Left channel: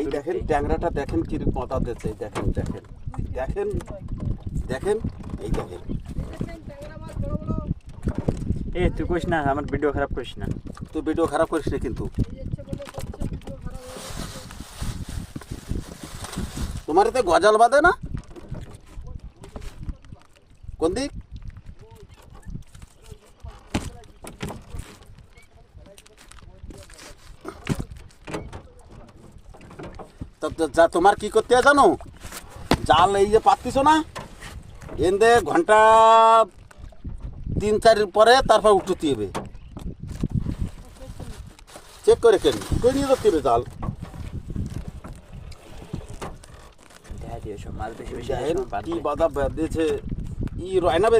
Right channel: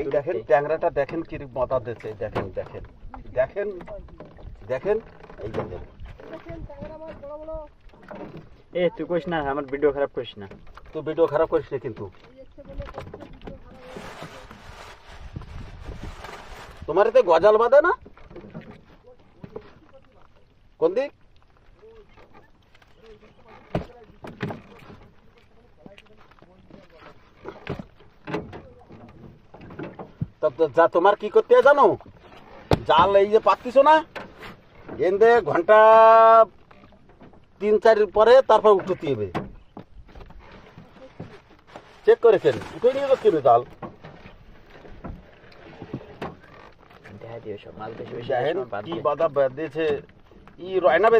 এই দেখেন ট্যাংরাটা দেখেন কি মাথা দিচ্ছে, দেখেন দেখেন দেখেন দেখেন এই দেখেন। এ তুই কইস না, আমার ভিডিও খারাপ করিস না। তো ভিডিও খারাপ করিস না কিন্তু। তোমার এতে গজাল বাঁধে না কোন দিক? যা তোমার কি করতে হয় জানো, জাল এই যে পাতিস না এনদে ঘন্টা 3-4 পরে তারপর উঠতে হবে, চেক করে কেন নিয়ে যাতে হবে জাল। দেখা দিও সব মাছ বেশি বেশি দেখেন বাদ কি দিও। বাধা বেঁধেছে ই রয়না